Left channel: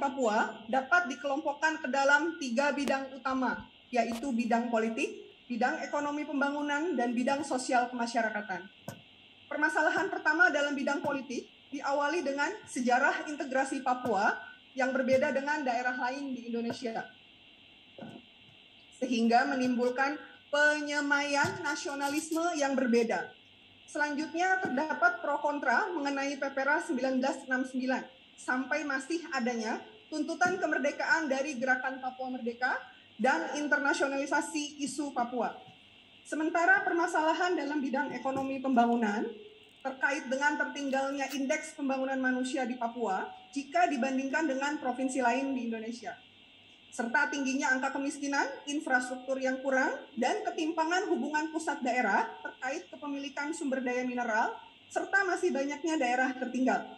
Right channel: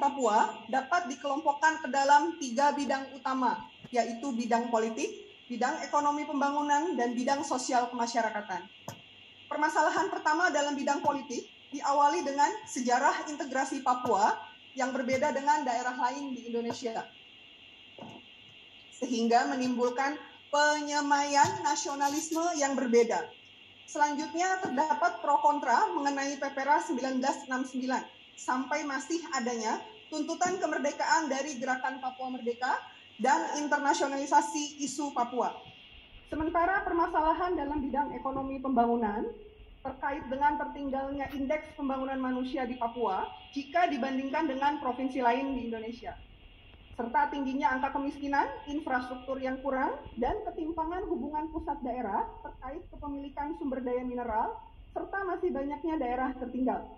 Papua dapat dikelompokkan ke dalam 3 bidang utama, yaitu bidang politik, bidang ekonomi pembangunan, dan bidang sosial kemasyarakatan. Permasalahan pertama dalam bidang politik diawali dengan sejarah integrasi Papua yang berbeda dengan daerah lain di Indonesia, sehingga menimbulkan penyemaian nasionalisme yang berbeda. Selanjutnya terdapat pro kontra mengenai PPRA 1969 sampai masih adanya tuntutan kemerdekaan dari Gerakan Papua Merdeka dan internasionalisasi isu Papua. Sementara permasalahan dalam bidang ekonomi pembangunan terkait dengan tertinggalnya indeks pembangunan manusia di Papua jika dibandingkan dengan provinsi lain di Indonesia, serta tingginya angka kemiskinan, infrastruktur yang kurang, dan ketimpangan hubungan pusat daerah terkait kepemilikan sumber daya mineral, serta masih banyaknya daerah tertinggal.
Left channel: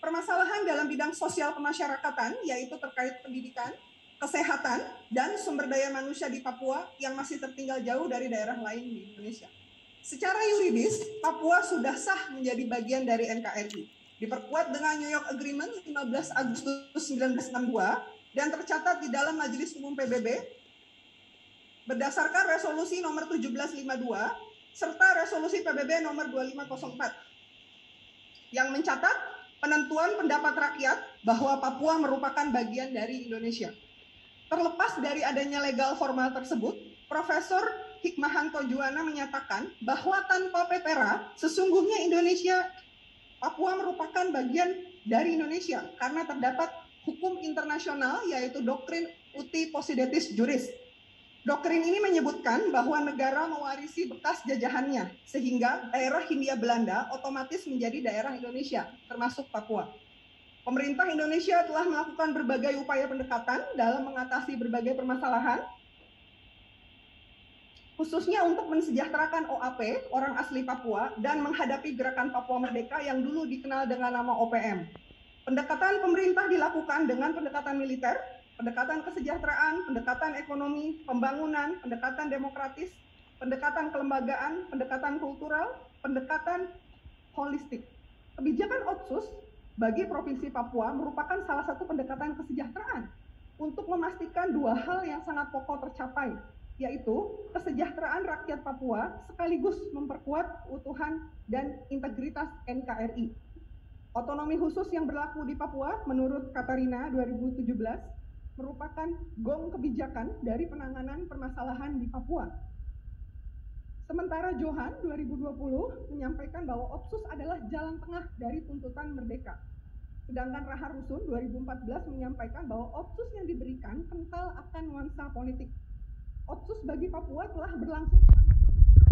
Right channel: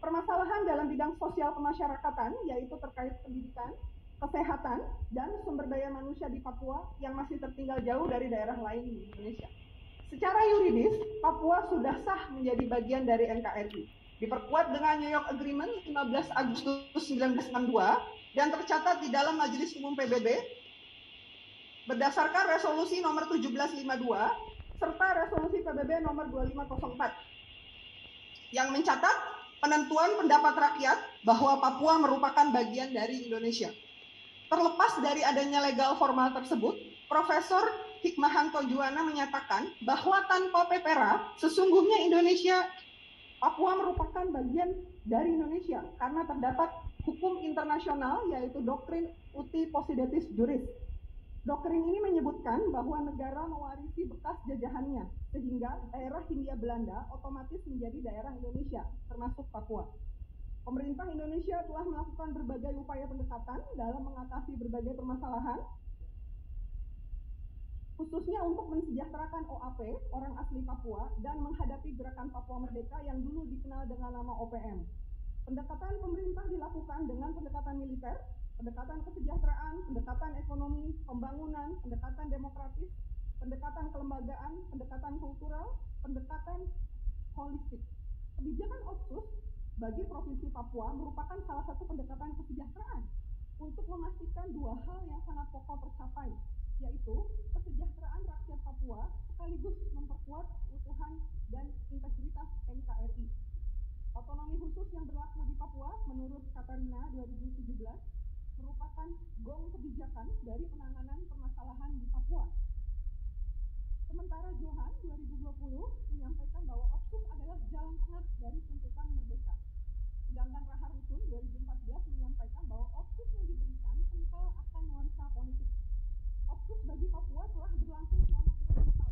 Permasalahan dalam bidang sosial kemasyarakatan, yaitu terkait pendidikan, kesehatan, dan sumber daya manusia di Papua yang masih tertinggal jauh dari daerah lain di Indonesia. Secara yuridis, Papua sudah sah menjadi bagian dari NKRI, diperkuat dengan New York Agreement 15 Agustus 1962, dan tercatat di dalam Majelis Umum PBB berdasarkan resolusi nomor 1752 serta resolusi PBB nomor 2504 yang mencatat penentuan pendapat rakyat bahwa Papua merupakan bagian dari Indonesia. Terlepas dari adanya legal formal tersebut, Profesor Hikmahanto Juwana menyatakan bahwa tanpa PPRA sesungguhnya Papua merupakan bagian dari Indonesia karena terdapat hukum internasional yaitu doktrin uti possidetis juris. Doktrin ini menyebutkan bahwa negara mewarisi bekas jajahannya sehingga daerah Hindia Belanda otomatis menjadi daerah Indonesia termasuk Papua. Pemerintah Indonesia telah melakukan berbagai upaya pendekatan dalam mengatasi berbagai permasalahan, khususnya untuk mensejahterakan OAP, orang asli Papua, dan menghadapi gerakan Papua Merdeka yang dulu dikenal dengan nama OPM. Pendekatan pemerintah dilakukan dengan pendekatan militer, pendekatan kesejahteraan, pendekatan ekonomi, pembangunan, pendekatan demokratis, pendekatan kelembagaan, pendekatan kultural, pendekatan holistik. Kebijakan Otsus bagi Provinsi Papua merupakan salah satu pendekatan kesejahteraan untuk memastikan dua hal yang sangat pokok tercapai, yaitu kesejahteraan rakyat Papua sekaligus memperkuat keutuhan dan integritas NKRI. Otonomi khusus yang berlaku di Papua menurut Katarina 2017 merupakan gong kebijakan dari penanganan permasalahan di Papua. Sementara Johan 2020 menyampaikan bahwa Otsus adalah jalan tengah dari tuntutan merdeka. Sedangkan Rahar Rusun 2014 menyampaikan bahwa Otsus yang diberikan kental akan nuansa politik. Otsus bagi Papua telah berlangsung selama 20 tahun.